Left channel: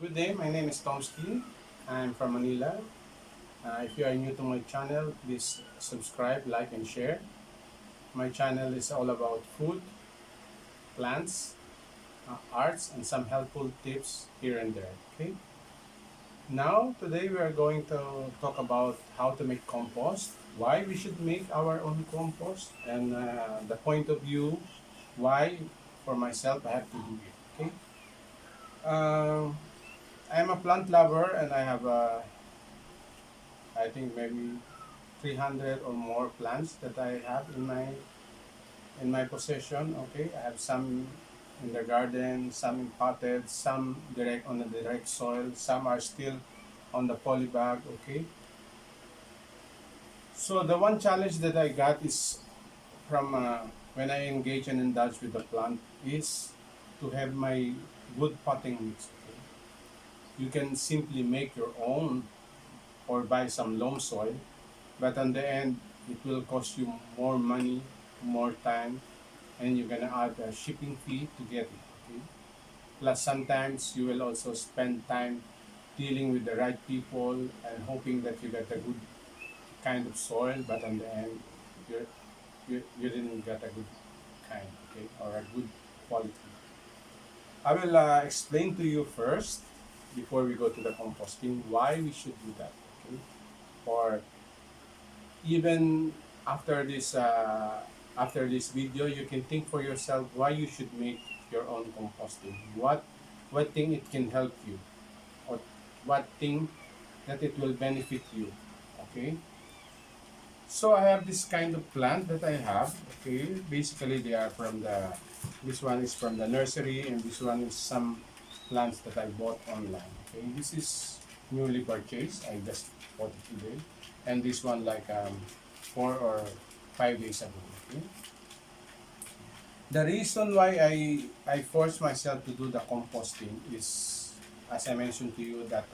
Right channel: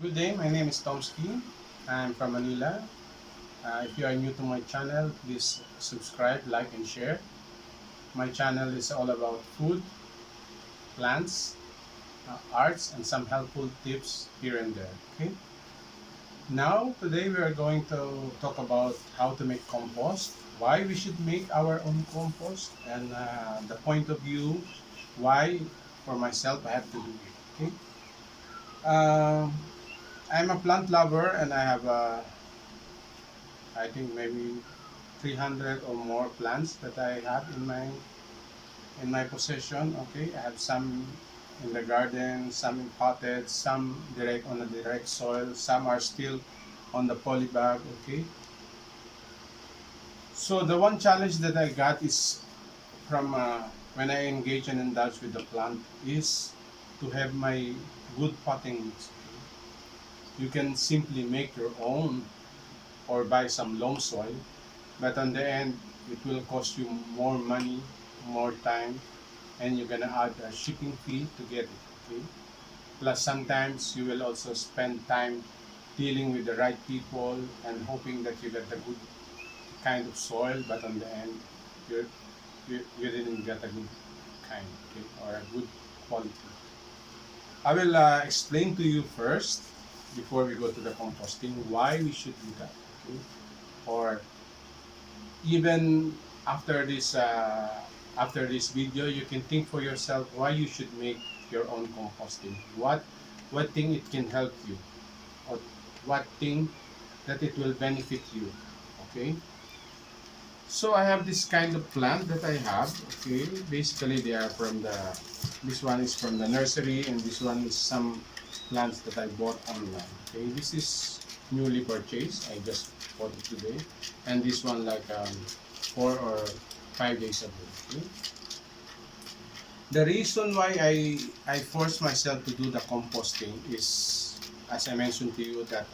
Good day, my name is Tomsky. I'm from Manila. If you are new to my channel, please subscribe, like, and share. My channel is all about food, plants, arts, and some helpful tips here and there. Okay. Now, today we are going to talk about how to make compost, why we should make our own compost, and the point of view why, for myself, I have to do it. Okay. Um, I'm a plant lover, and I have I think maybe 300 or more plants that I have in my possession. Okay, I have some in the garden, some in potted, some direct on the direct soil, some are still on the polybag. Okay, so the one challenge that I got is from when I engage and indulge with the plant is to have my good potting mix. Okay? You can simply make your own or buy some loam soil, but on the end, it will cost you more money, more time, and you're gonna add a shipping fee to get it. Okay? Plus, sometimes you will also spend time dealing with the right people and hoping that you get a good kind of soil, but on the end, you you didn't get a good kind, okay, or a good quality. I will explain to you first before we go to the composting why we should do that. Okay? Or even after this video, you can think for yourself why you should make your own composting. What thing it can help you, or what thing that it will benefit you. Okay, so I have this kind of plant that I have. Okay, basically they are from the this one is from the nursery, and this one is some plants that I bought online. Okay, this is newly purchased. I just bought it today, and this one like 4 or 5 days ago. Okay? The reason why I forced myself to do the composting is, as I mentioned to you, that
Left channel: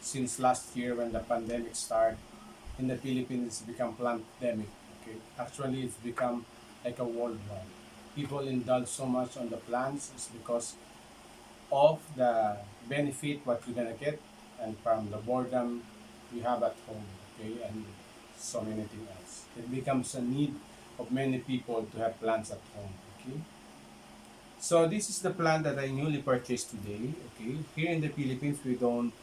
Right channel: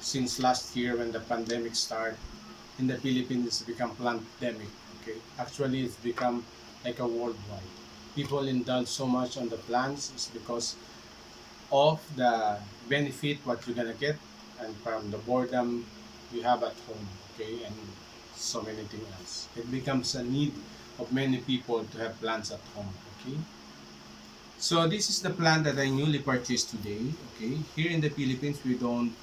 since last year when the pandemic started in the Philippines, it's become pandemic. Okay, actually it's become like a worldwide. People indulge so much on the plants is because of the benefit what you're gonna get, and from the boredom you have at home. Okay, and so many things else. It becomes a need of many people to have plants at home. Okay, so this is the plant that I newly purchased today. Okay, here in the Philippines we don't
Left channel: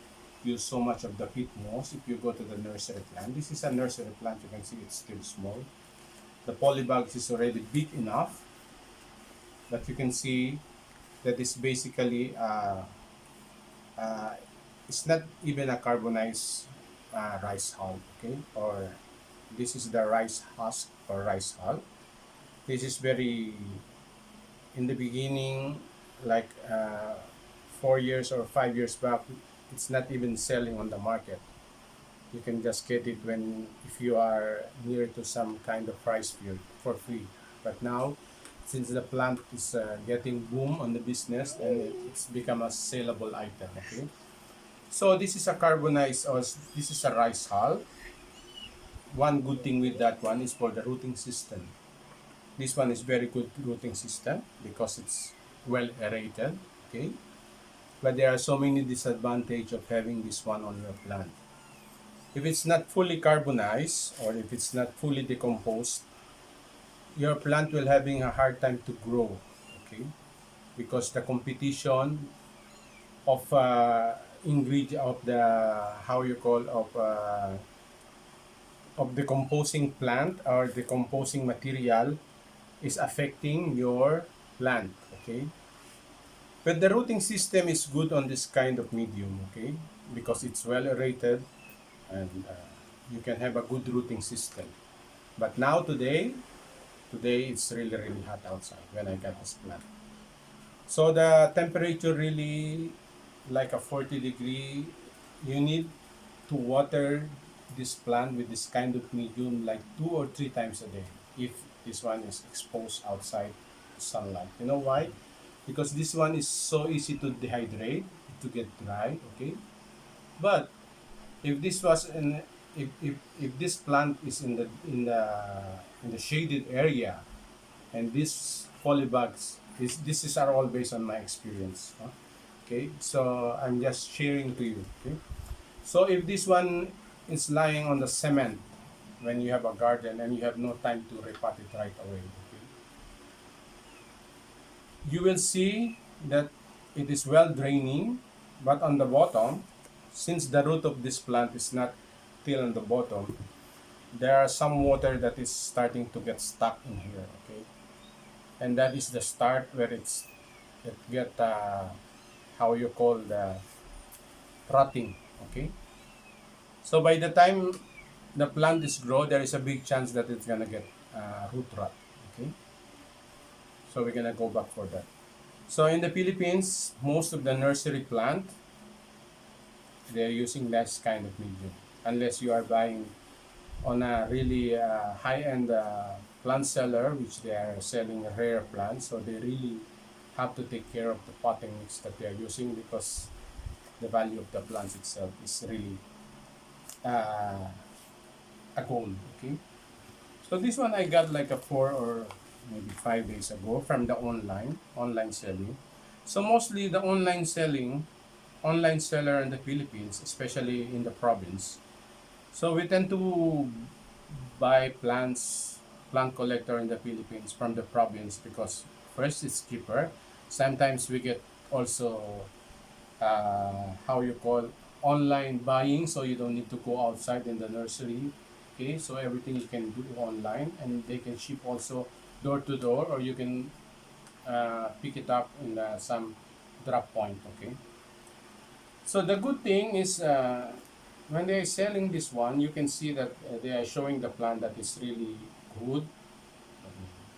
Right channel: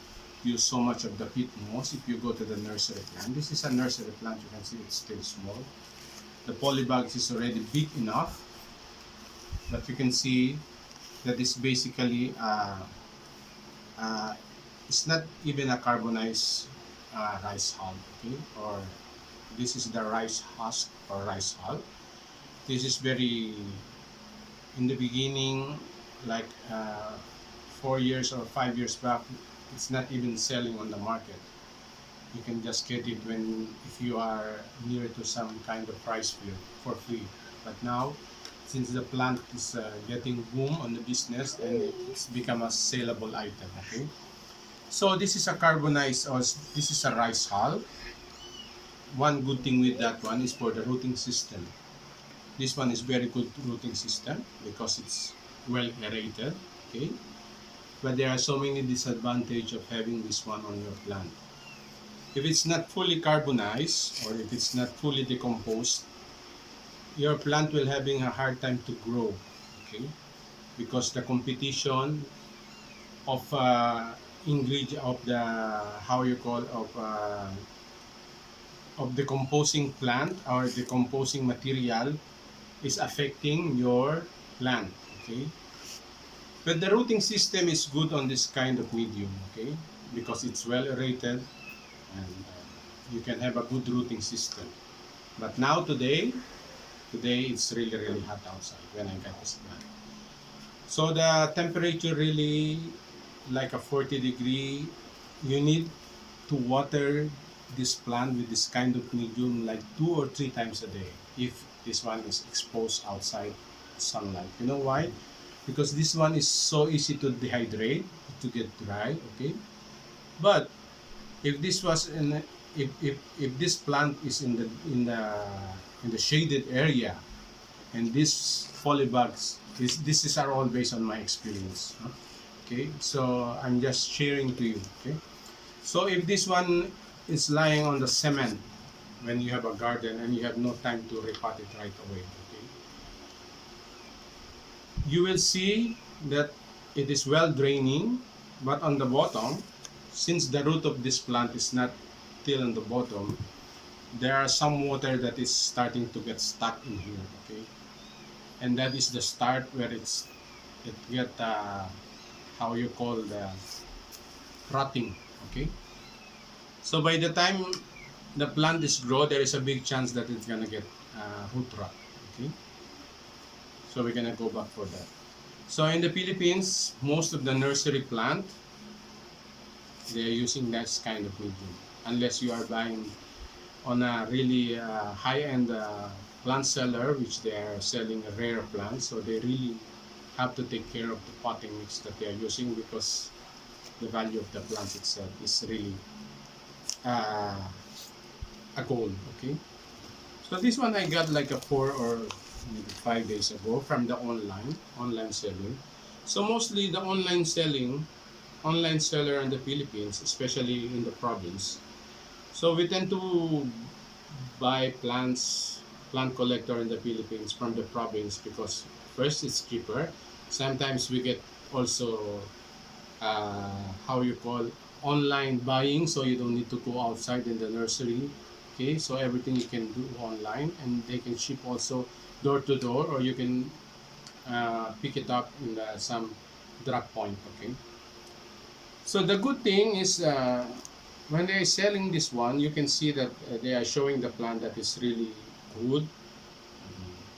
use so much of the peat moss. If you go to the nursery plant, this is a nursery plant. You can see it's still small. The polybags is already big enough, but you can see that is basically uh, it's not even a carbonized rice hull. Okay, or this is the rice husk or rice hull. This is very in the beginning, like 4 years or 5 years back, it's not even selling on the market. You can just get it when if you are near to some kind of rice field for free. But now, since the plant is getting boom on the business, and it's become a saleable item. Okay, so this is a carbonized, or this is a rice hull. One good thing with that one is for the rooting system. This one is very good rooting system because it's well aerated. Okay, but there are so many disadvantages of having this one on your plant. If it's not fully carbonized, or if it's not fully decomposed, your plant will having a hard time to grow. Okay, because the competition of ingredient of the how you call of decomposing plant or decomposing material is affecting your plant. Okay, but the rooting system is good on this kind of medium. Okay, because it's well aerated, and you can have a good rooting system. But now today it's really hot outside when I got this plant. So the temperature really like a 40 degree. You need to water this plant with this kind of medium like 2 or 3 times a day if this one is exposed outside sunlight. You know why? Because this one is so easy to dehydrate, to get dry. Okay, but if this was in if this plant is in the shaded area, and these polybags, this is are all based on my experience, huh? Okay, so I'm just sharing to you. Okay, so if this one is lying on the cement when you have a garden and you have no time to repot it right away, okay, you will see that it is well draining, but on the bottom, since the root of this plant is not till on the bottom, there are some water that is starting to get stuck in here. Okay, and that is the start where it get how you call the rotting. Okay, so by the time the plant is grow, there is a big chance that it's gonna get root rot. Okay, so we're gonna go back for that. So in the Philippines, most of the nursery plant, they're using that kind of medium, unless you are buying on a really high-end plant seller, which they are selling rare plants. So they really have to take care of the potting mix that they are using, because the value of the plants itself is really uh, a gold. Okay, so this one I got like a 4 or maybe 5 days ago from the online selling. So mostly the online seller in the Philippines, especially in the province. So we tend to buy plant collector in the Philippines from the province, because first it's cheaper. Sometimes we get also how you call online buying, so you don't need to go outside in the nursery. Okay, so everything you can do online, and they can ship also door to door, or you can pick it up in some drop point. Okay, so the good thing is when they're selling this one, you can see that they are showing the plant that is really good,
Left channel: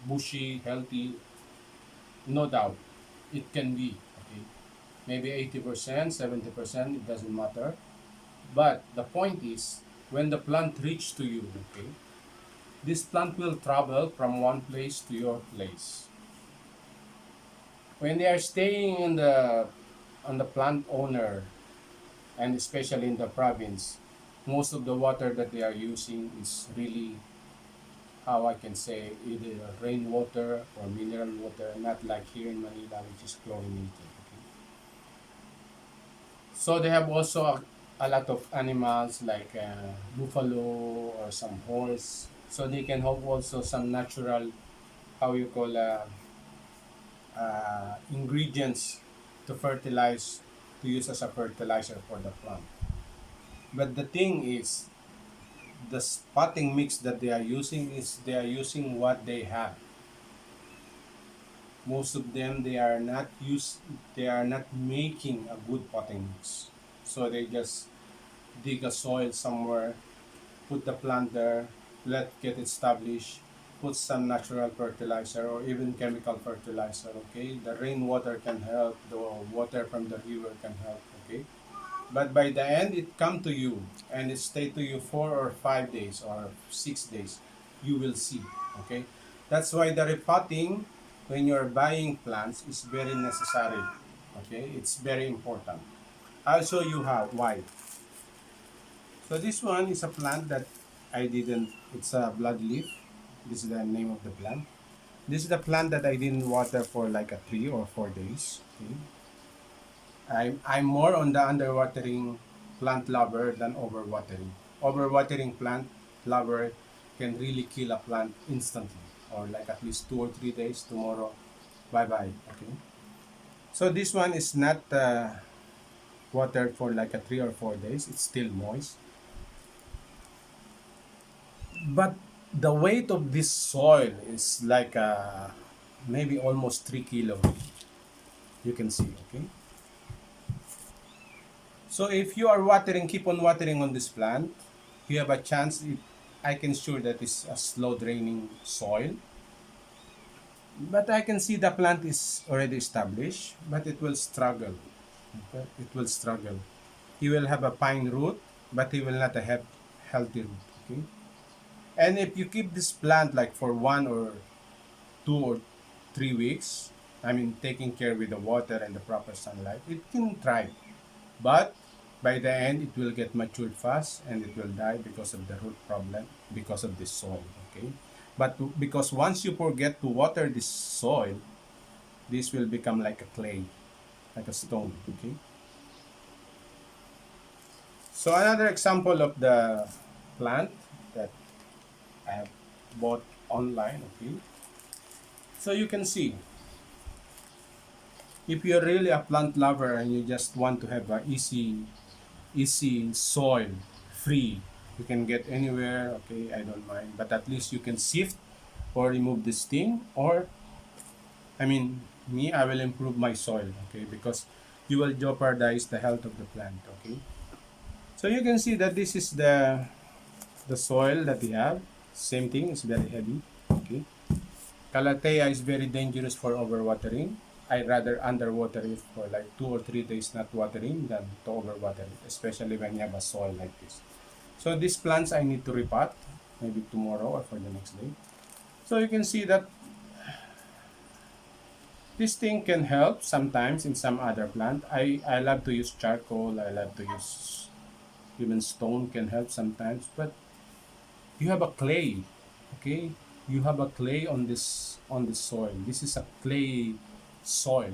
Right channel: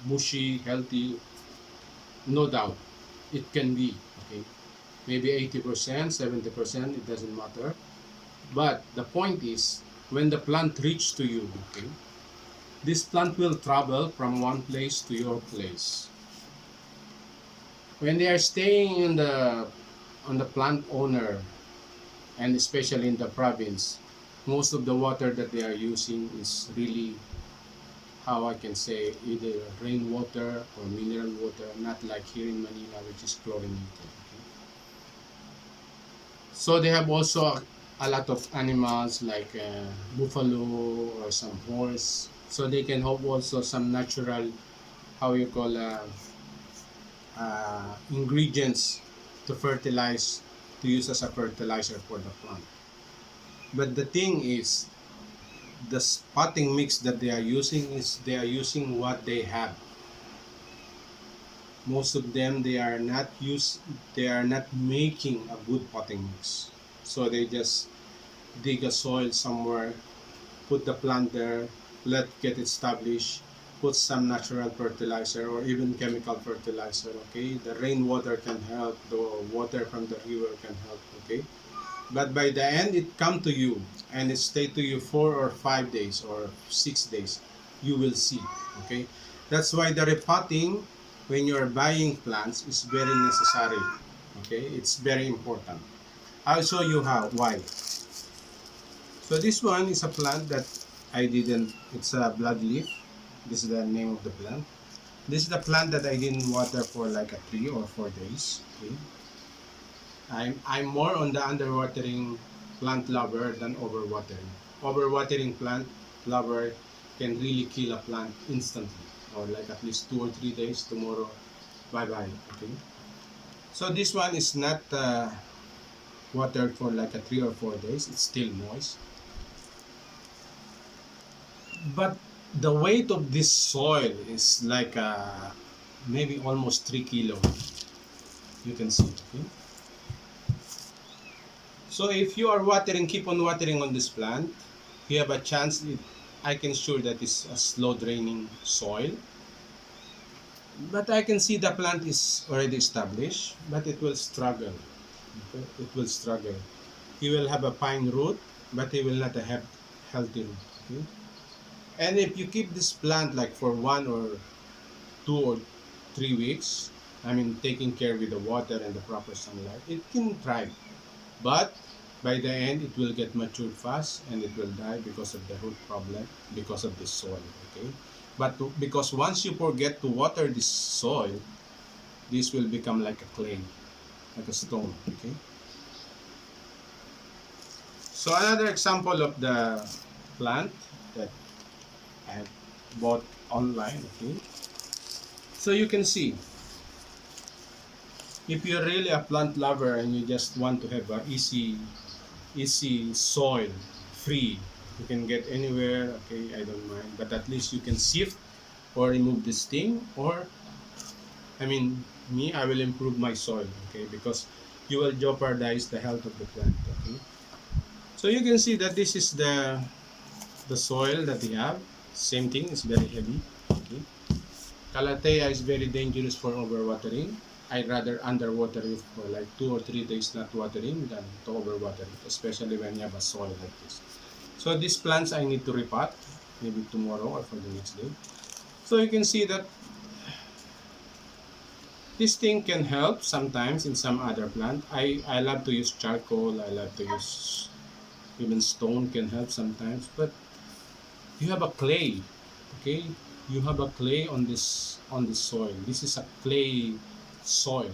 bushy, healthy. No doubt, it can be. Okay, maybe 80%, 70%, it doesn't matter. But the point is, when the plant reach to you, okay, this plant will travel from one place to your place. When they are staying in the on the plant owner, and especially in the province, most of the water that they are using is really, how I can say, either rainwater or mineral water, not like here in Manila, which is chlorinated. Okay? So they have also a lot of animals like buffalo or some horse, so they can have also some natural, how you call ingredients to fertilize, to use as a fertilizer for the plant. But the thing is, the spotting mix that they are using is they are using what they have. Most of them, they are not making a good potting mix. So they just dig a soil somewhere, put the plant there, let get established, put some natural fertilizer or even chemical fertilizer. Okay, the rainwater can help, the water from the river can help. Okay, but by the end it come to you and it stay to you 4 or 5 days or 6 days, you will see. Okay, that's why the repotting when you're buying plants is very necessary. Okay, it's very important. I'll show you how, why. So this one is a plant that I didn't, it's a blood leaf. This is the name of the plant. This is the plant that I didn't water for like a 3 or 4 days. Okay. I'm more on the underwatering plant lover than overwatering. Overwatering plant lover can really kill a plant instantly, or like at least 2 or 3 days. Tomorrow, bye bye. Okay. So this one is not watered for like a 3 or 4 days. It's still moist, but the weight of this soil is like maybe almost 3 kilos. You can see. Okay. So if you are watering, keep on watering on this plant, you have a chance. I can sure that it's a slow draining soil. But I can see the plant is already established, but it will struggle. Okay? It will struggle. He will have a fine root, but he will not have healthy root. Okay? And if you keep this plant like for 1 or 2 or 3 weeks, I mean taking care with the water and the proper sunlight, it can thrive. But by the end, it will get matured fast and it will die because of the root problem, because of this soil. Okay, but because once you forget to water this soil, this will become like a clay. like a stone. Okay. So another example of the plant that I have bought online. Okay. So you can see, if you're really a plant lover and you just want to have a easy soil, free, you can get anywhere. Okay, I don't mind, but at least you can sift or remove this thing, or I mean, me, I will improve my soil. Okay, because you will jeopardize the health of the plant. Okay, so you can see that this is the soil that we have. Same thing, it's very heavy. Okay, Calathea is very dangerous for overwatering. I rather underwater it for like 2 or 3 days not watering than to overwater it, especially when you have a soil like this. So these plants I need to repot, maybe tomorrow or for the next day. So you can see that this thing can help sometimes in some other plant. I love to use charcoal, I love to use even stone can help sometimes, but you have a clay, okay? You have a clay on this soil. This is a clay soil.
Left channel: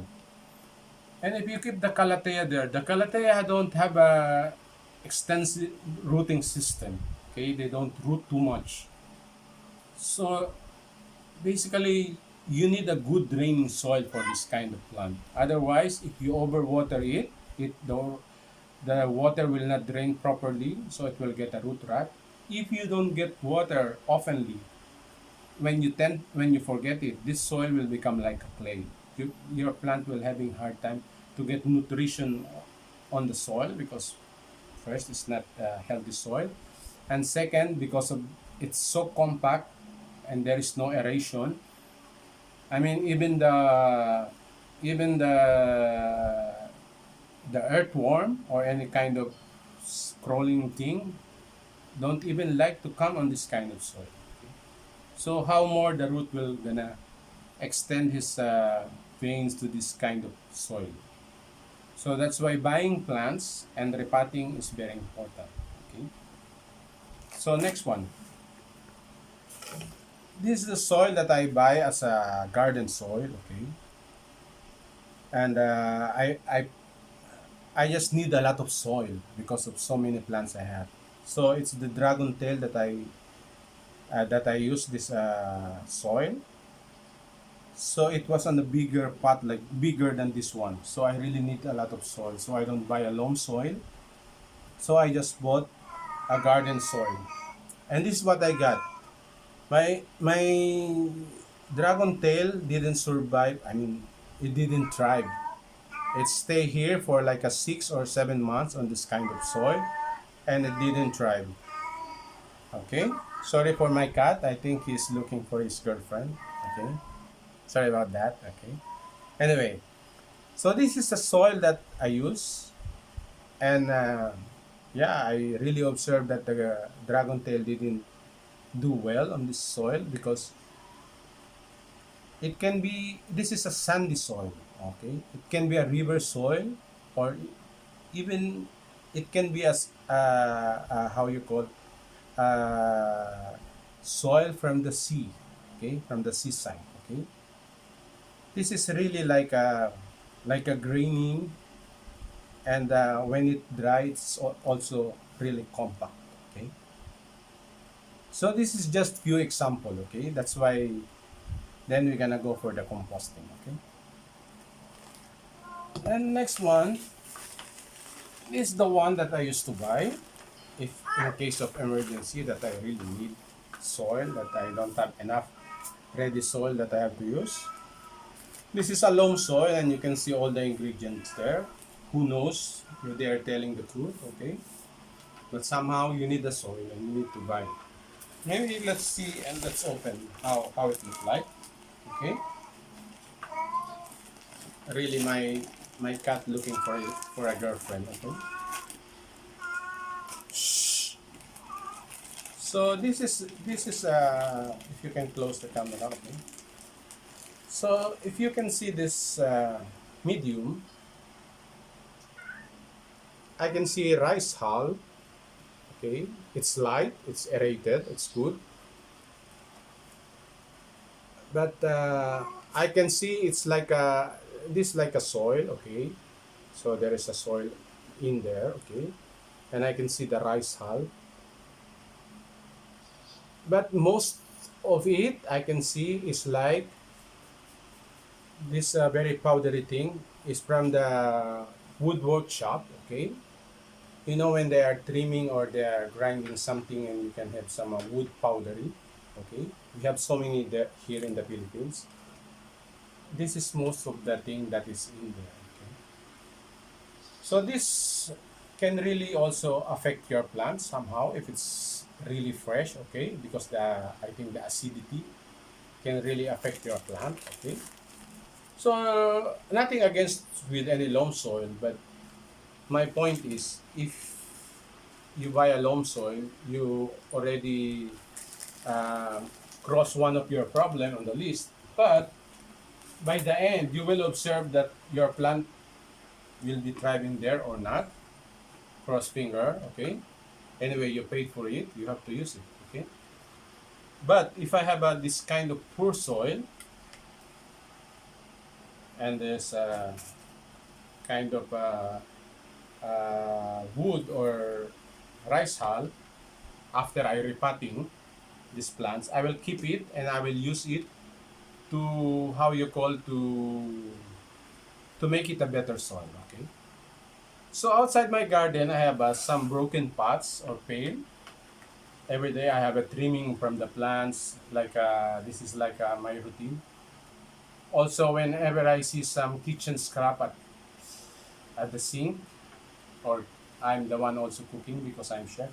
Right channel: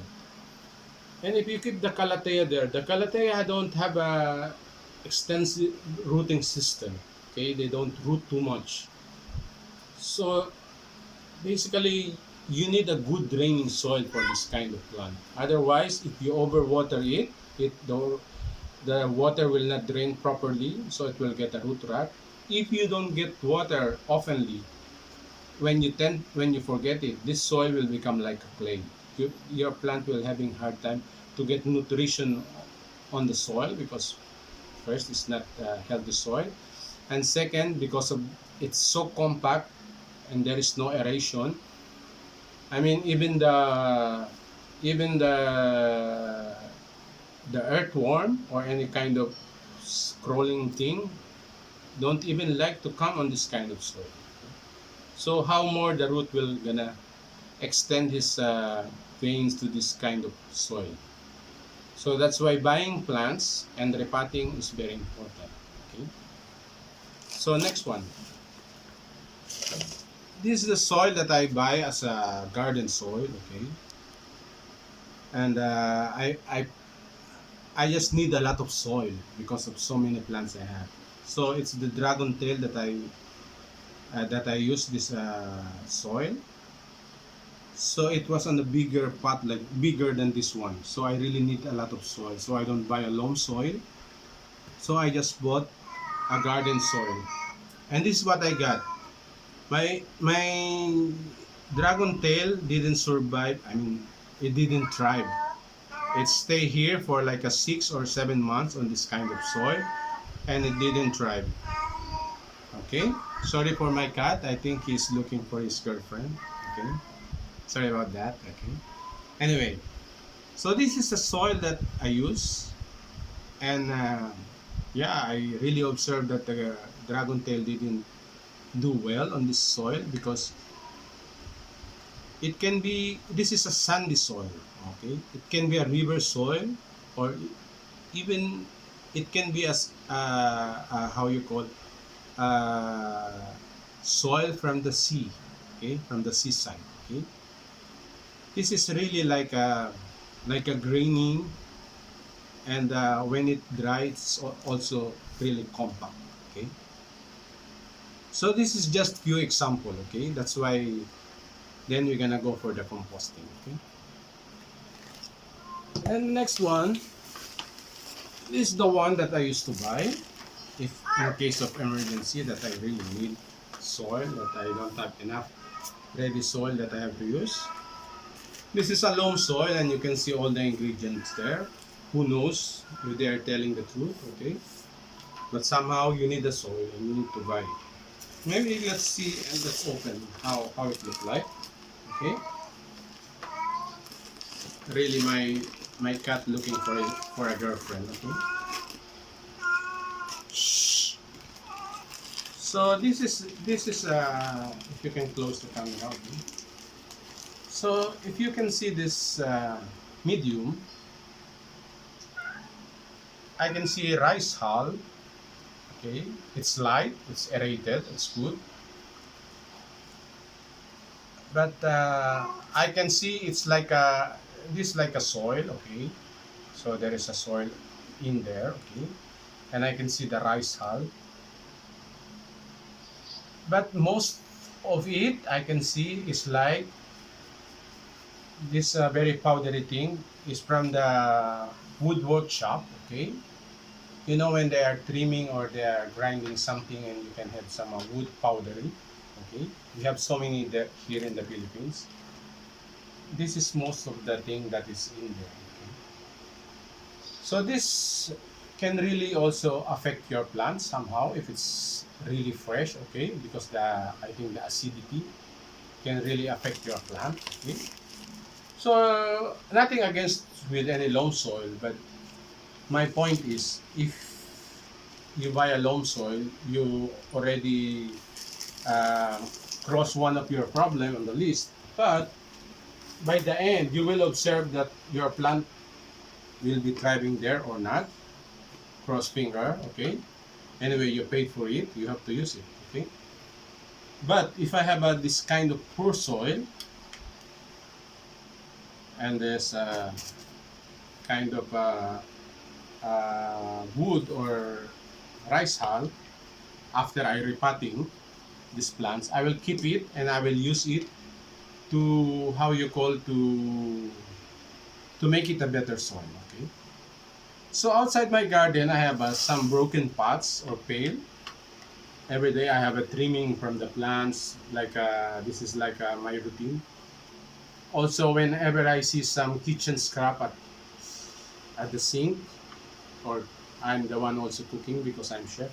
And if you keep the calathea there, the calathea don't have a extensive rooting system. Okay, they don't root too much. So basically, you need a good draining soil for this kind of plant. Otherwise, if you overwater it, the water will not drain properly, so it will get a root rot. If you don't get water oftenly, when you forget it, this soil will become like a clay. Your plant will having hard time to get nutrition on the soil because first it's not healthy soil, and second because of it's so compact and there is no aeration. I mean even the earthworm or any kind of crawling thing don't even like to come on this kind of soil. So how more the root will gonna extend his veins to this kind of soil. So that's why buying plants and repotting is very important. Okay. So next one. This is the soil that I buy as a garden soil. Okay. And I just need a lot of soil because of so many plants I have. So it's the dragon tail that I use this soil. So it was on a bigger pot, like bigger than this one. So I really need a lot of soil. So I don't buy a loam soil. So I just bought a garden soil. And this is what I got. My dragon tail didn't survive. I mean, it didn't thrive. It stayed here for like a 6 or 7 months on this kind of soil, and it didn't thrive. Okay. Sorry for my cat. I think he's looking for his girlfriend. Okay. Sorry about that. Okay. Anyway, so this is the soil that I use, and yeah, I really observed that the dragon tail didn't do well on this soil because it can be. This is a sandy soil. Okay, it can be a river soil, or even it can be as how you call soil from the sea. Okay, from the seaside. Okay. This is really like a graining, and when it dries, it's also really compact. Okay, so this is just few example. Okay, that's why then we're gonna go for the composting. Okay, and next one is the one that I used to buy if in case of emergency that I really need soil, that I don't have enough ready soil that I have to use. This is a loam soil and you can see all the ingredients there. Who knows if they are telling the truth, okay? But somehow you need the soil and you need to buy it. Maybe let's see and let's open how it looks like. Okay? Really my cat looking for a girlfriend, okay? Shh. So this is if you can close the camera, okay? So if you can see this medium, I can see rice hull. Okay, it's light, it's aerated, it's good. But I can see it's like a soil. Okay, So there is a soil in there, okay, and I can see the rice hull, but most of it I can see is like this very powdery thing is from the wood workshop, okay. You know when they are trimming or they are grinding something and you can have some wood powdery, okay. We have so many there here in the Philippines. This is most of the thing that is in there, okay. So this can really also affect your plant somehow if it's really fresh, okay, because the I think the acidity can really affect your plant, okay. So nothing against with any loam soil, but my point is if you buy a loam soil, you already uh, cross one of your problem on the list, but by the end you will observe that your plant will be thriving there or not. Cross finger, okay. Anyway, you paid for it, you have to use it, okay. But if I have this kind of poor soil and there's a kind of wood or rice hull, after I repotting these plants, I will keep it and I will use it to how you call to make it a better soil, okay. So outside my garden, I have some broken pots or pail. Every day I have a trimming from the plants. Like this is like my routine. Also, whenever I see some kitchen scrap at the sink, or I'm the one also cooking because I'm chef.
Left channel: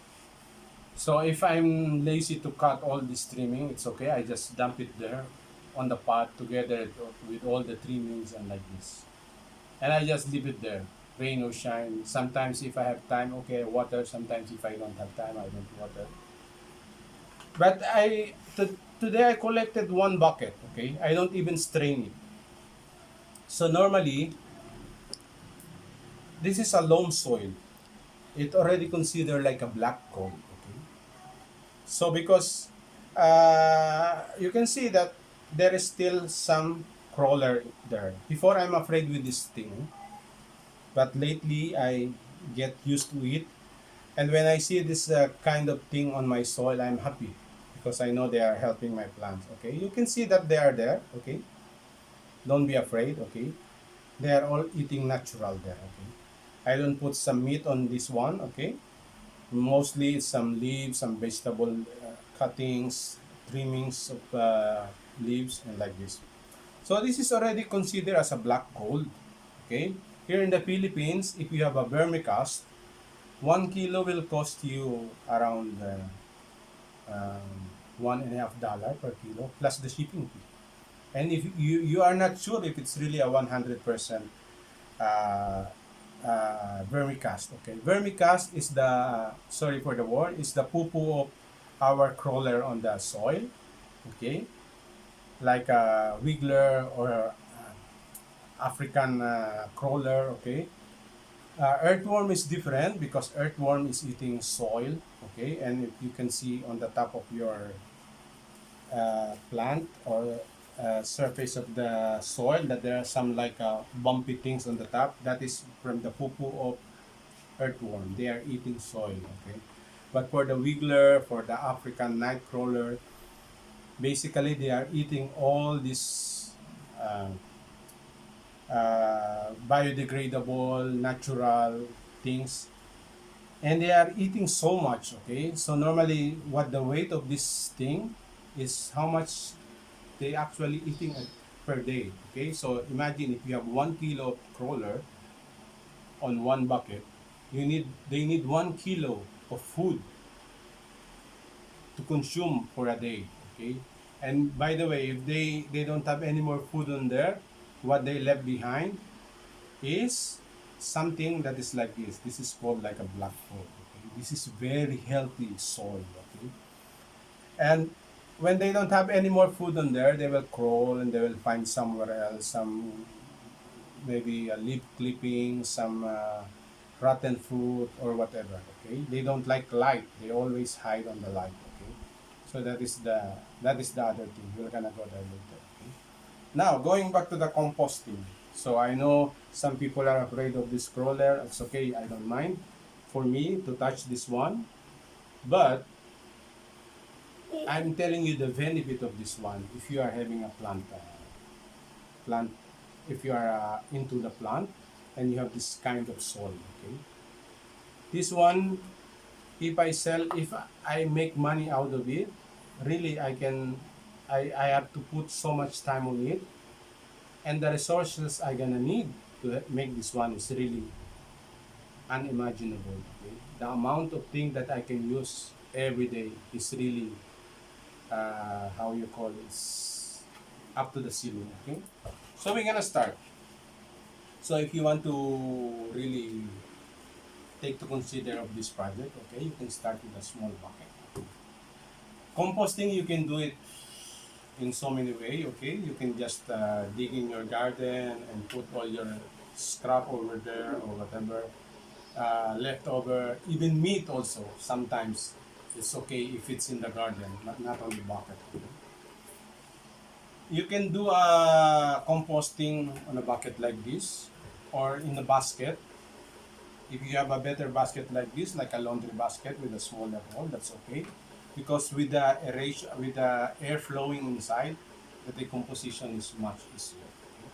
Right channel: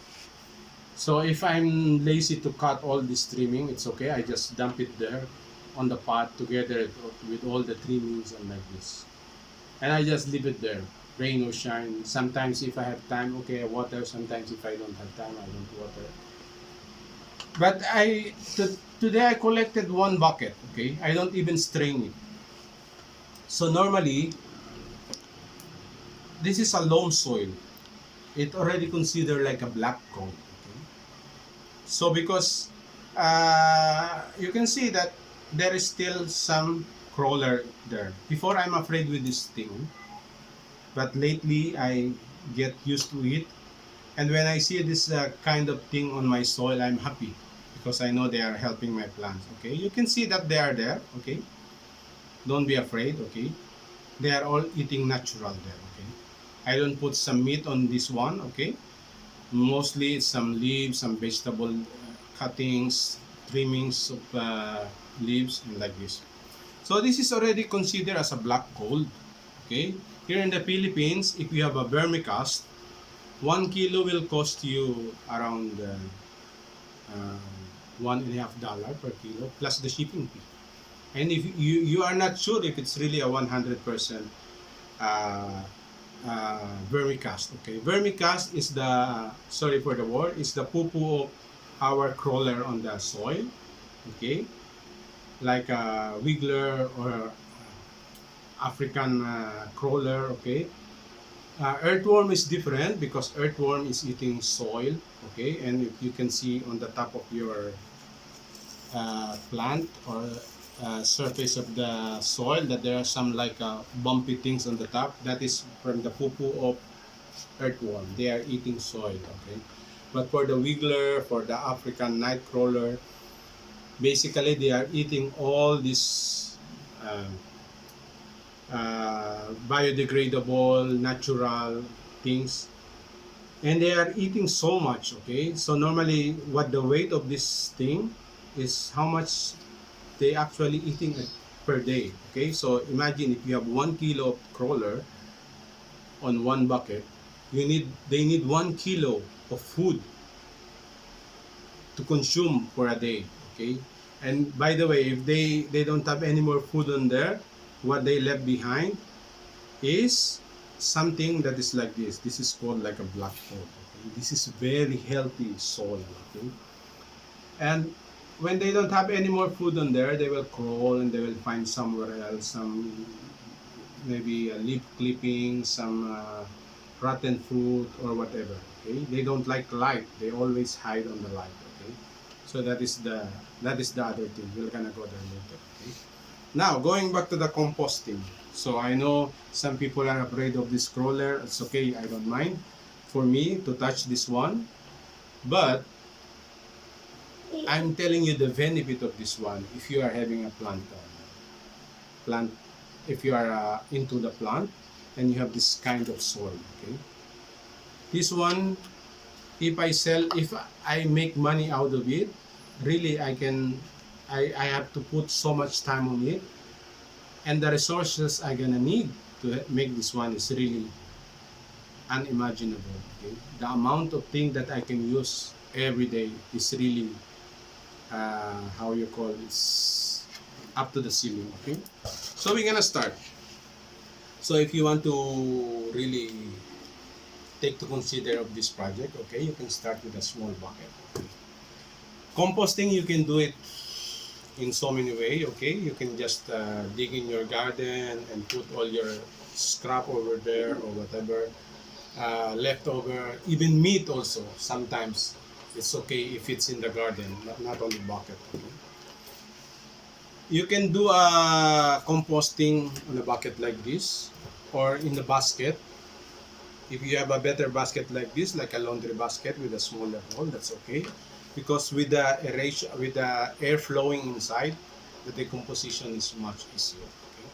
So if I'm lazy to cut all this trimming, it's okay. I just dump it there on the pot together with all the trimmings and like this. And I just leave it there, rain or shine. Sometimes if I have time, okay, I water. Sometimes if I don't have time, I don't water. But today I collected one bucket, okay? I don't even strain it. So normally, this is a loam soil. It already considered like a black gold, okay? So because you can see that there is still some crawler there. Before I'm afraid with this thing, but lately I get used to it. And when I see this kind of thing on my soil, I'm happy because I know they are helping my plants. Okay, you can see that they are there. Okay, don't be afraid. Okay, they are all eating natural there. Okay, I don't put some meat on this one. Okay, mostly it's some leaves, some vegetable cuttings, trimmings of leaves, and like this. So this is already considered as a black gold. Okay, here in the Philippines, if you have a vermicast, 1 kilo will cost you around um, $1.50 per kilo plus the shipping fee. And if you are not sure if it's really a 100% uh, vermicast, okay? Vermicast is the, sorry for the word, is the poo-poo of our crawler on the soil, okay? Like a wiggler or African crawler, okay? Earthworm is different because earthworm is eating soil, okay, and if you can see on the top of your plant or surface of the soil that there are some like bumpy things on the top, that is from the poo-poo of earthworm. They are eating soil, okay. But for the wiggler, for the African night crawler, basically they are eating all these uh, biodegradable, natural things, and they are eating so much. Okay, so normally, what the weight of this thing is how much they actually eating per day. Okay, so imagine if you have 1 kilo of crawler on one bucket, they need 1 kilo of food to consume for a day. Okay, and by the way, if they don't have any more food on there, what they left behind is something that is like this. This is called like a black hole. Okay? This is very healthy soil. Okay, and when they don't have any more food on there, they will crawl and they will find somewhere else some maybe a leaf clipping, some rotten fruit or whatever. Okay, they don't like light. They always hide on the light. Okay, so that is the other thing. We're gonna go there later. Okay? Now going back to the composting. So I know some people are afraid of this crawler. It's okay, I don't mind for me to touch this one. But I'm telling you the benefit of this one if you are having a plant, if you are into the plant and you have this kind of soil, okay? This one, if I make money out of it, really I have to put so much time on it, and the resources I gonna need to make this one is really unimaginable. Okay? The amount of thing that I can use every day is really how you call it's up to the ceiling. Okay, so we're gonna start. So if you want to really take to consider of this project, okay, you can start with a small bucket. Composting, you can do it in so many ways. Okay, you can just dig in your garden and put all your scrap over there or whatever leftover, even meat also. Sometimes it's okay if it's in the garden, not on the bucket. Okay? You can do a composting on a bucket like this or in the basket. If you have a better basket like this, like a laundry basket with a smaller hole, that's okay. Because with the aeration, with the air flowing inside, the decomposition is much easier. Okay?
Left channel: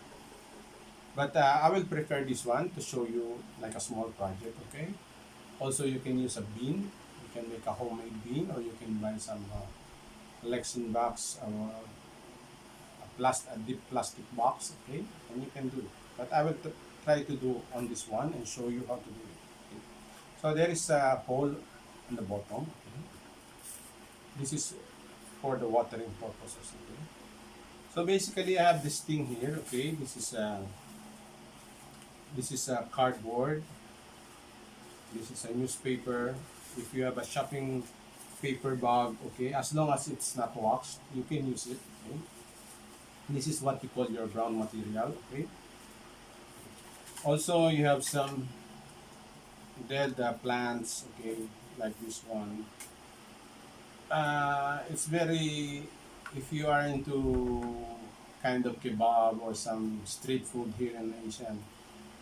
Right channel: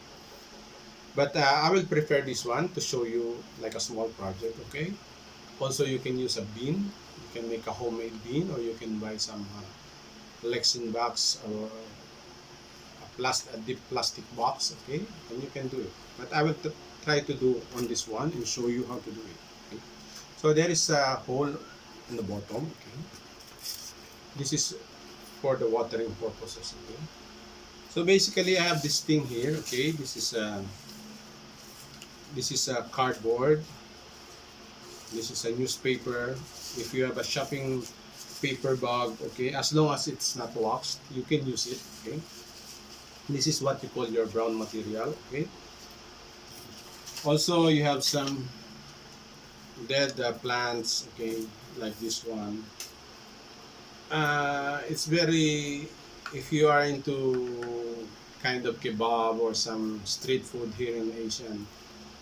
But I will prefer this one to show you like a small project. Okay. Also, you can use a bin. You can make a homemade bin, or you can buy some Lexin box or a deep plastic box. Okay, and you can do it. But I will try to do on this one and show you how to do it. Okay? So there is a hole in the bottom. Okay, this is for the watering purposes. Okay, so basically I have this thing here. Okay, this is a cardboard. This is a newspaper. If you have a shopping paper bag, okay, as long as it's not waxed, you can use it. Okay, this is what you call your brown material. Okay, also you have some dead plants. Okay, like this one. It's very, if you are into kind of kebab or some street food here in Asia,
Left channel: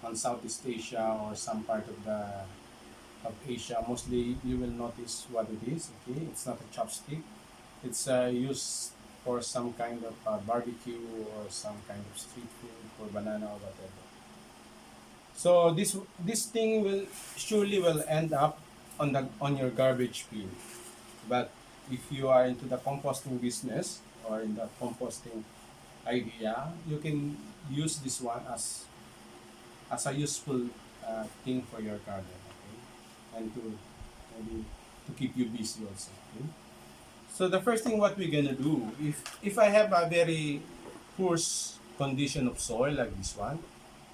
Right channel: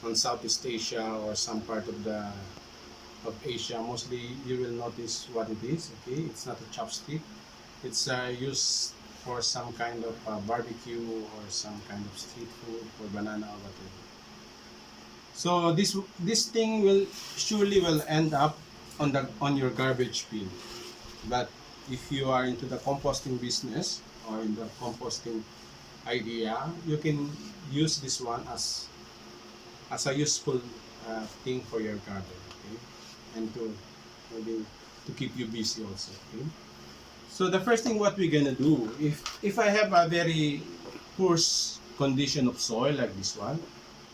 on Southeast Asia or some part of Asia, mostly you will notice what it is. Okay, it's not a chopstick. It's used for some kind of barbecue or some kind of street food or banana or whatever. So this thing will surely will end up on your garbage bin. But if you are into the composting business or in the composting idea, you can use this one as a useful thing for your garden. Okay, and to maybe to keep you busy also. Okay. So the first thing what we're gonna do, if I have a very poor condition of soil like this one,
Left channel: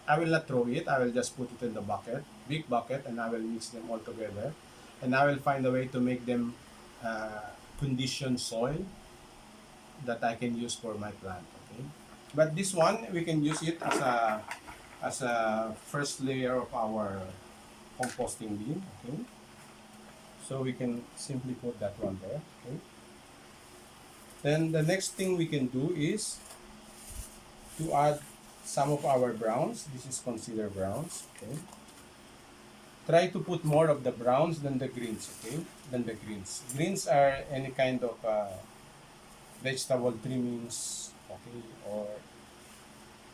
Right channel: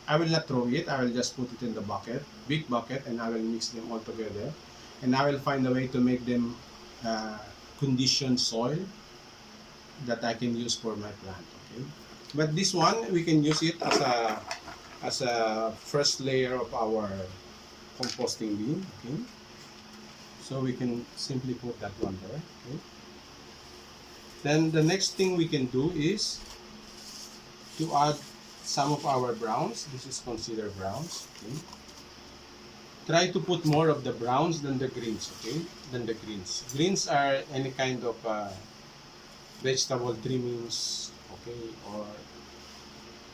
I will not throw it. I will just put it in the bucket, big bucket, and I will mix them all together, and I will find a way to make them conditioned soil that I can use for my plant. Okay, but this one we can use it as a first layer of our composting bin. Okay, so we can simply put that one there. Okay. Then the next thing we can do is to add some of our browns. This is considered browns. Okay. Try to put more of the browns than the greens. Okay, than the greens. Greens are any kind of vegetable trimmings. Okay, or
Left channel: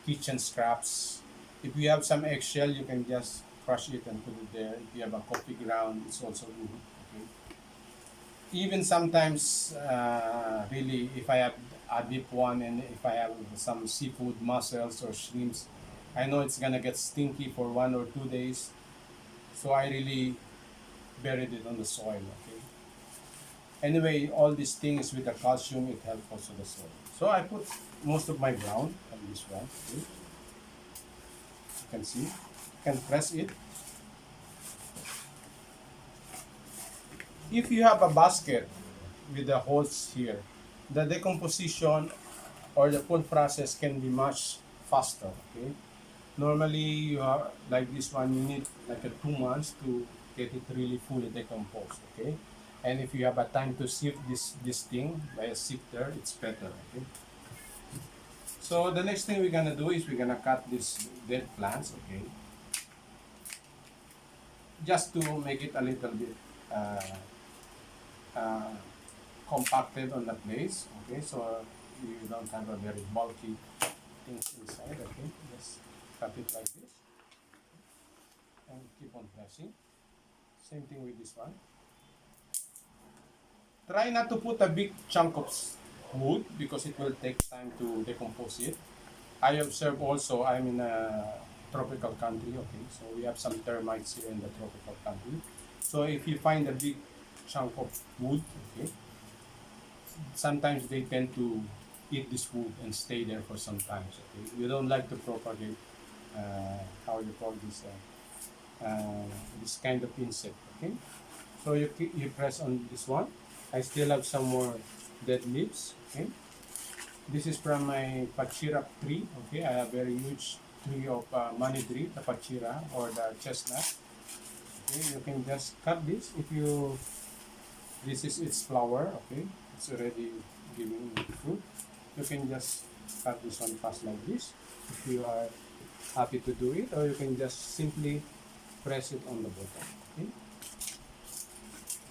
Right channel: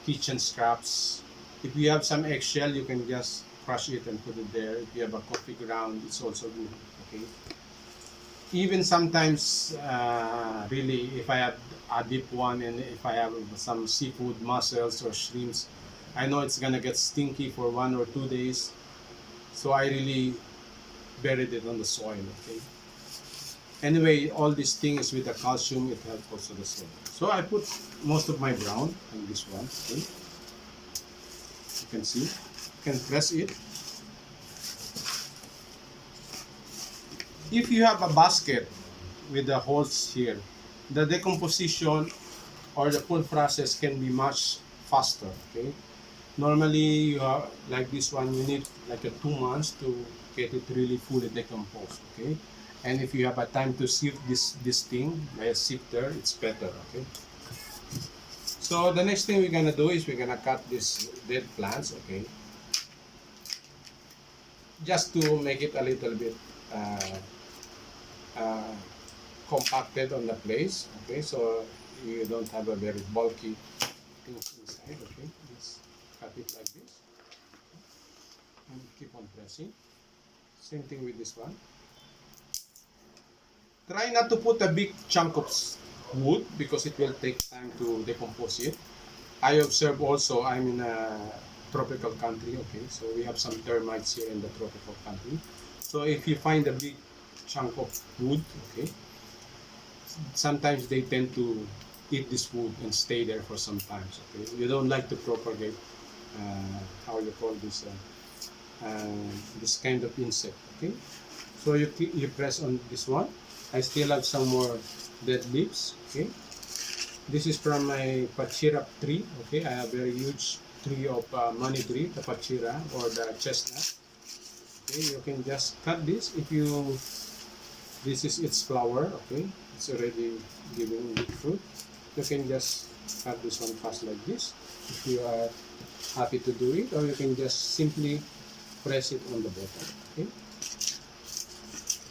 kitchen scraps. If you have some eggshell, you can just crush it and put it there. If you have a coffee ground, it's also good. Okay. Even sometimes, really, if I have a deep one and if I have some seafood, mussels or shrimps, I know it's gonna get stinky for 1 or 2 days. So I really buried it on the soil. Okay. Anyway, all these things with the calcium, it helps also the soil. So I put most of my brown on this one. Okay. You can see. You can press it. If you have a basket with the holes here, the decomposition or the full process can be much faster. Okay. Normally, you have like this one, you need like 2 months to get it really fully decomposed. Okay. And if you have a time to sift this thing by a sifter, it's better. Okay. So the next thing we're gonna do is we're gonna cut these dead plants, okay? Just to make it a little bit uh, uh, compacted on the place, okay? So you don't have a very bulky thing inside, okay? Just cut it like this and keep on pressing. Same thing with this one. Try not to put a big chunk of wood because it will take time to decompose it. I observe also, I'm in a tropical country, okay, so we have some termites here in the tropical country. So if you find a big chunk of wood, okay, sometimes they tend to eat this wood and stay there for some time. Okay, you don't like to propagate, how you call this kind of insect, okay. So you press on this one. I still have some more dead leaves, okay. This is from my pachira tree, okay. I have very huge tree of money tree, the pachira or the chestnut. Okay, you can just cut this if you. This is its flower, okay. It's already giving fruit. You can just cut this one fast like this if you are happy to do it, or you can just simply press it on the bottom, okay.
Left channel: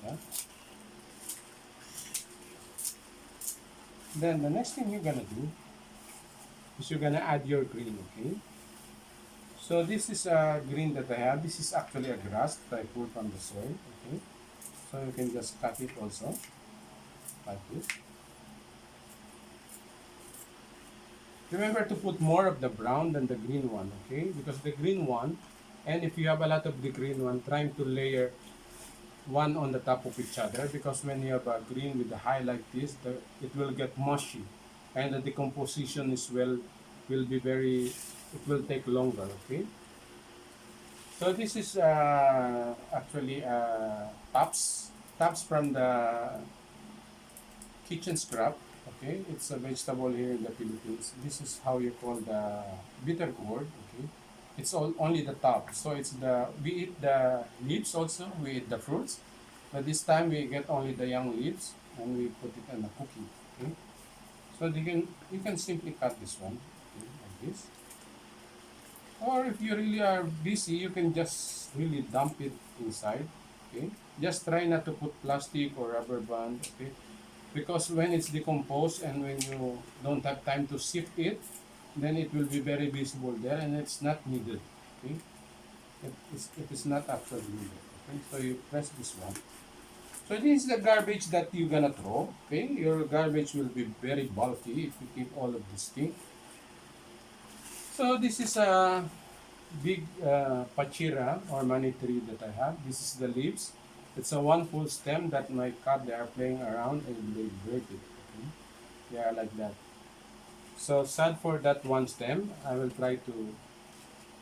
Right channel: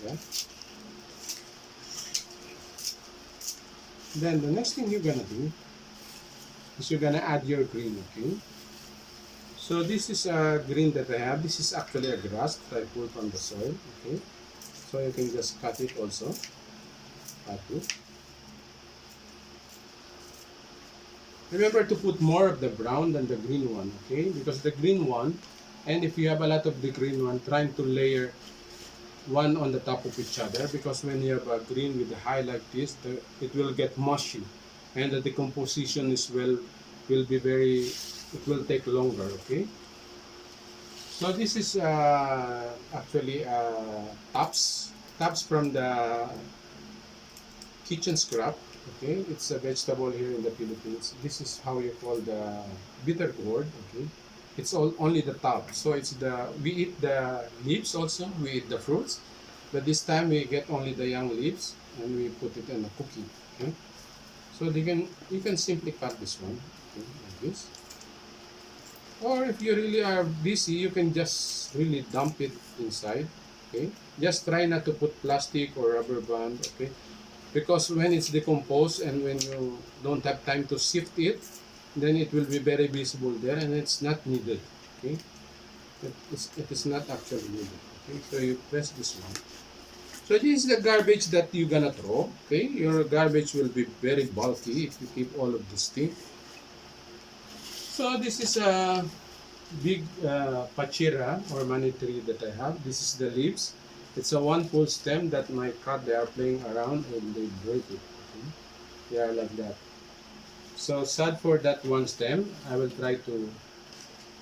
Yeah. Then the next thing you're gonna do is you're gonna add your green, okay. So this is a green that I have. This is actually a grass that I pulled from the soil, okay. So you can just cut it also, like this. Remember to put more of the brown than the green one, okay? Because the green one, and if you have a lot of the green one, trying to layer one on the top of each other, because when you have a green with a high like this, it will get mushy, and the decomposition will be very, it will take longer, okay. So this is actually tops from the kitchen scrap, okay. It's a vegetable here in the Philippines. This is how you call the bitter gourd, okay. It's only the top. So it's we eat the leaves also, we eat the fruits, but this time we get only the young leaves and we put it in a cookie, okay. So you can simply cut this one, okay, like this. Or if you really are busy, you can just really dump it inside, okay. Just try not to put plastic or rubber band, okay, because when it's decomposed and when you don't have time to sift it, then it will be very visible there and it's not needed, okay. It is not actually needed, okay. So you press this one. So this is the garbage that you're gonna throw, okay. Your garbage will be very bulky if you keep all of this thing. So this is a big pachira or money tree that I have. This is the leaves. It's a one full stem that my cat, they are playing around and they break it, okay. They are like that. So sad for that one stem. I will try to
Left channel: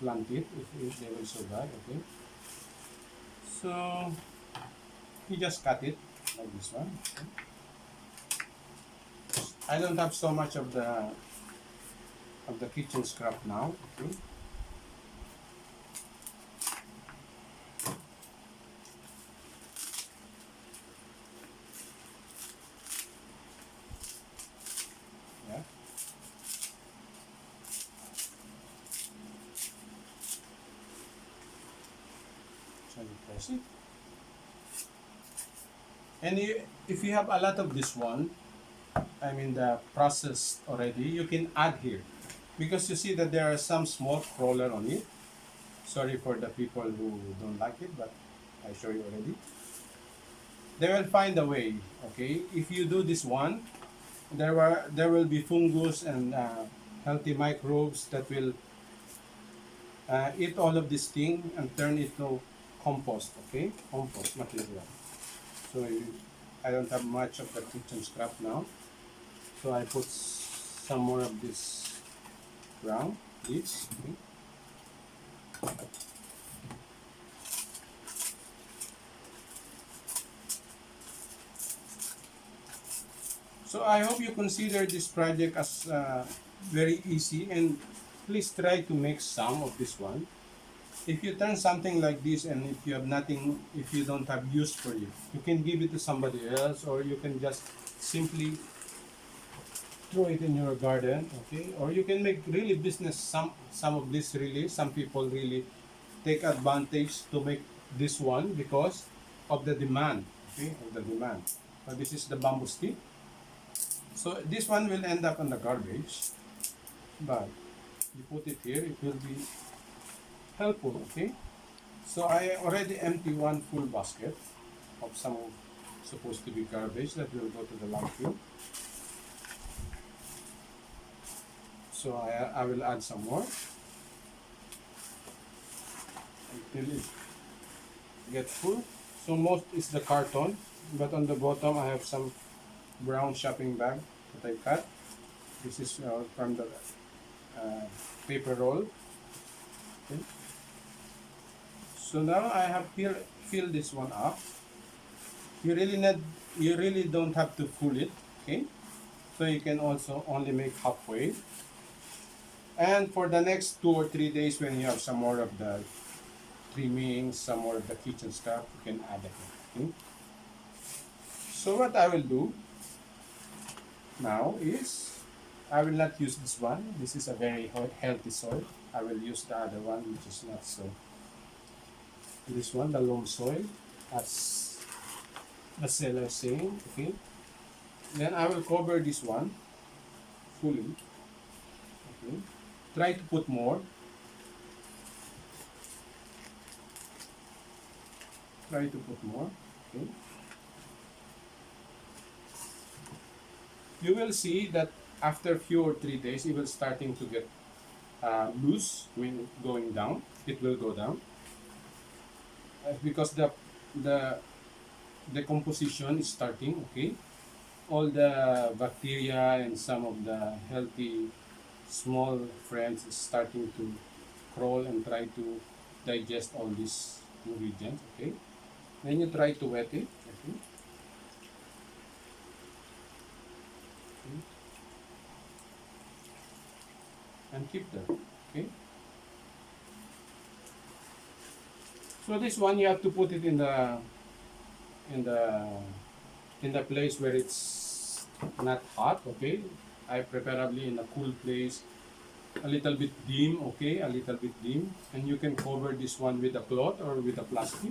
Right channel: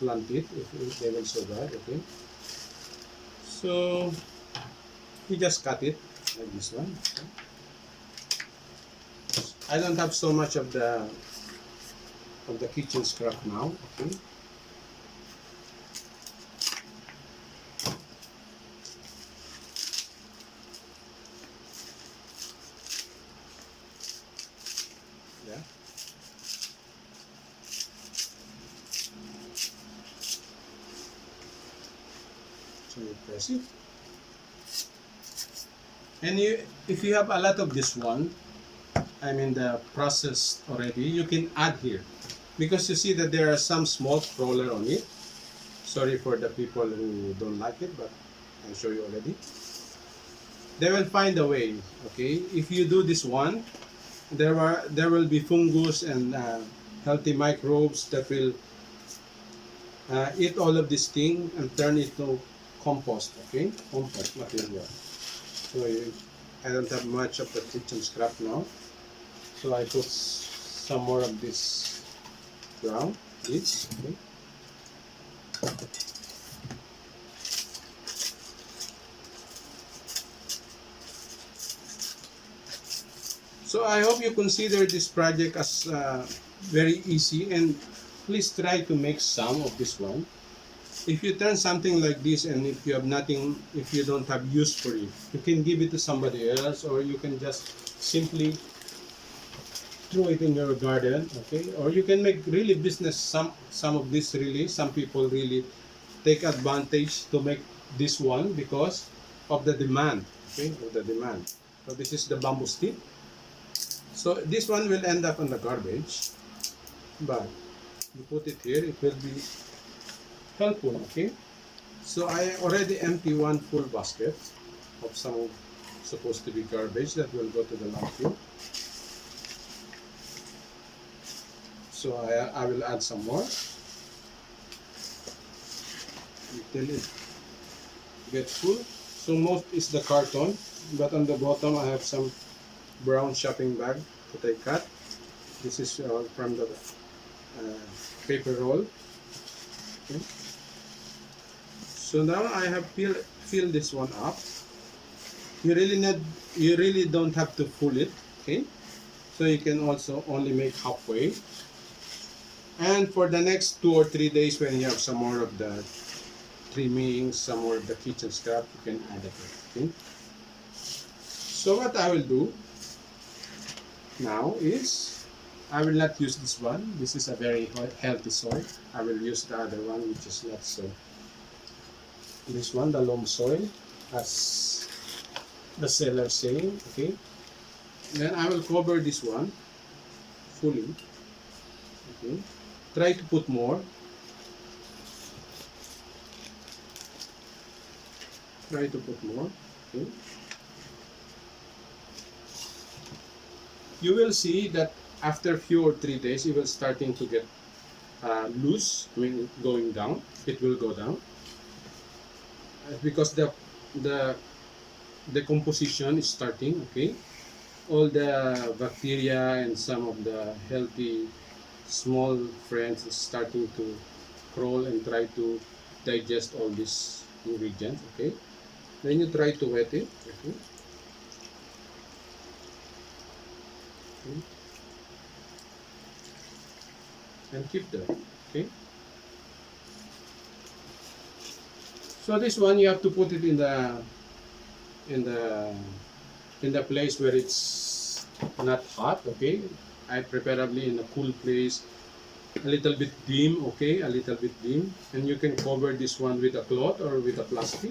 plant it if they will survive, okay. So you just cut it like this one, okay. I don't have so much of the kitchen scrap now, okay. Yeah. So you press it. And if you have a lot of this one, I mean the process already, you can add here. Because you see that there are some small crawler on it. Sorry for the people who don't like it, but I show you already. They will find a way, okay? If you do this one, there will be fungus and healthy microbes that will eat all of this thing and turn it to compost, okay? Compost material. So I don't have much of the kitchen scrap now. So I put some more of this ground, this, okay. So I hope you consider this project as very easy, and please try to make some of this one. If you turn something like this and if you have nothing, if you don't have use for it, you can give it to somebody else, or you can just simply throw it in your garden, okay? Or you can make really business some of this really. Some people really take advantage to make this one because of the demand, okay? Of the demand. So this is the bamboo stick. So this one will end up on the garbage, but you put it here, it will be helpful, okay? So I already empty one full basket of some supposed to be garbage that will go to the landfill. So I will add some more until it gets full. So most is the carton, but on the bottom I have some brown shopping bag that I cut. This is from the paper roll. Okay. So now I have filled this one up. You really don't have to full it, okay? So you can also only make halfway. And for the next 2 or 3 days, when you have some more of the trimmings, some more of the kitchen stuff, you can add it. Okay? So what I will do now is I will not use this one. This is a very healthy soil. I will use the other one, which is not so. This one, the loam soil, as the seller saying. Okay. Then I will cover this one fully. Okay. Try to put more. Try to put more. Okay. You will see that after a few or 3 days, it will starting to get loose, going down. It will go down because the decomposition is starting. Okay, all the bacteria and some of the healthy small friends is starting to crawl and try to digest all these ingredients. Okay, then you try to wet it. Okay. Okay. And keep that. Okay. So this one you have to put it in in the the place where it's not hot. Okay. I preferably in a cool place, a little bit dim. Okay, a little bit dim, and you can cover this one with a cloth or with a plastic,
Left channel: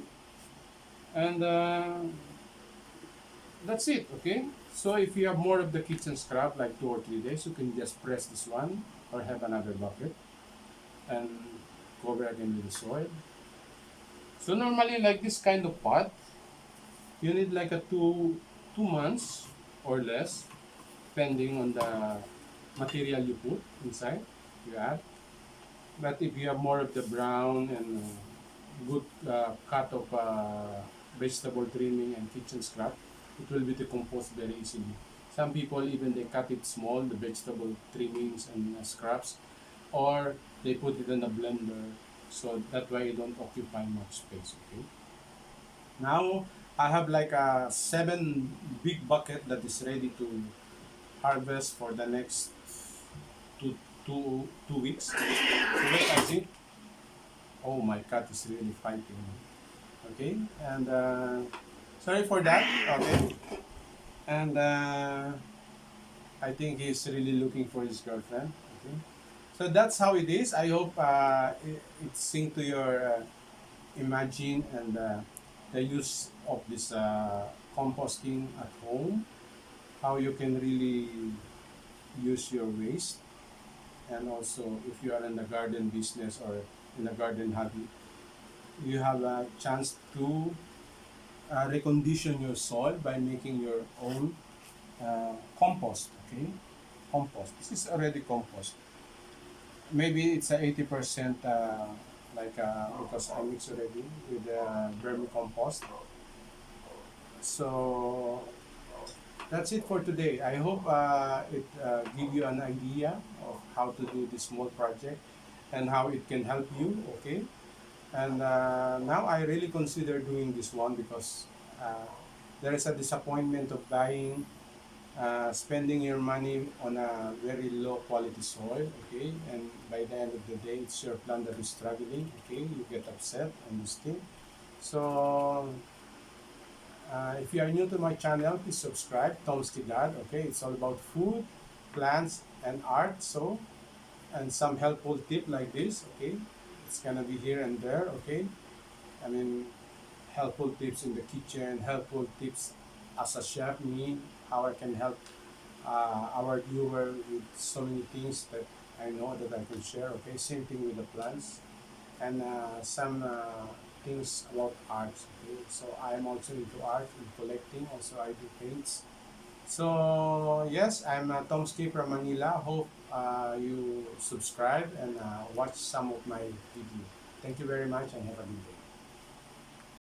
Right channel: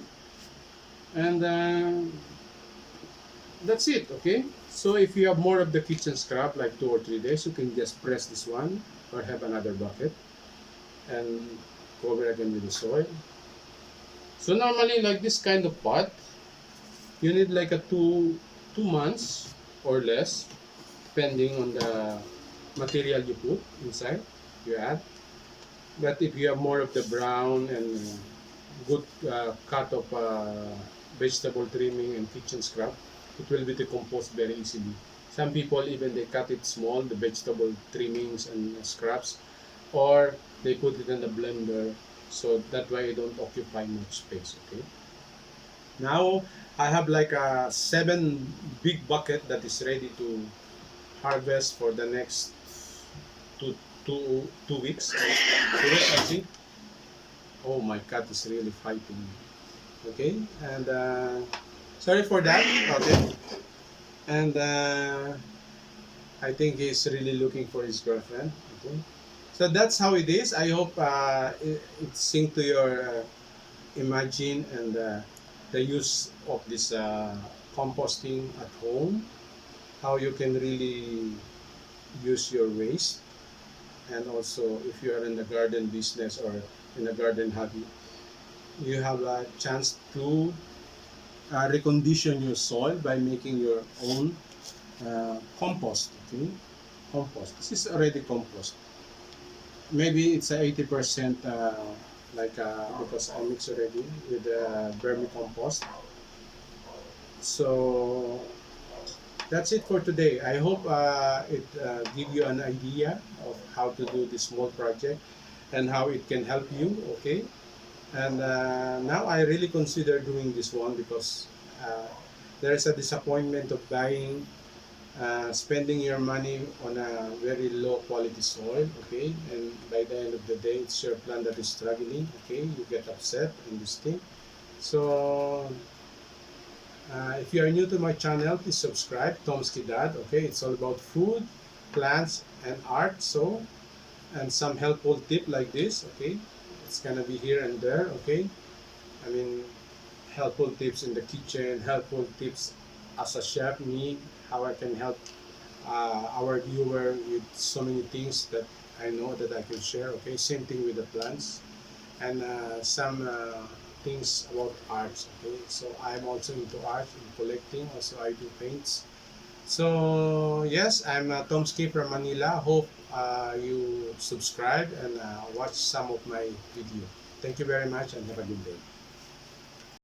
and that's it. Okay. So if you have more of the kitchen scrap, like 2 or 3 days, you can just press this one or have another bucket and cover again with the soil. So normally like this kind of pot, you need like a 2 months or less, depending on the material you put inside, you add. But if you have more of the brown and good cut of vegetable trimming and kitchen scrap, it will be decomposed very easily. Some people even they cut it small, the vegetable trimmings and scraps, or they put it in the blender, so that way it don't occupy much space. Okay. Now I have like a 7 big bucket that is ready to harvest for the next two, 2 weeks. So wait, I see. Oh, my cat is really fighting. Okay, and sorry for that. Okay, and I think he's really looking for his girlfriend. Okay, so that's how it is. I hope it sync to your imagine and the use of this composting at home, how you can really use your waste, and also if you are in the garden business or in the garden hobby, you have a chance to recondition your soil by making your own compost. Okay, compost. This is already compost. Maybe it's a 80% because I mix already with vermicompost. So that's it for today. I hope it give you an idea of how to do this small project and how it can help you. Okay, and now I really consider doing this one because there is a disappointment of buying, spending your money on a very low quality soil. Okay, and by the end of the day, it's your plant that is struggling. Okay, you get upset on this thing. So if you are new to my channel, please subscribe, Tom's Dad. Okay, it's all about food, plants and art. So, and some helpful tip like this. Okay, it's gonna be here and there. Okay, I mean, helpful tips in the kitchen, helpful tips as a chef, me, how I can help our viewer with so many things that I know that I can share. Okay, same thing with the plants and some things about arts. Okay, so I'm also into art and collecting. Also, I do paints. So yes, I'm Tomsky from Manila. Hope you subscribe and watch some of my video. Thank you very much and have a good day.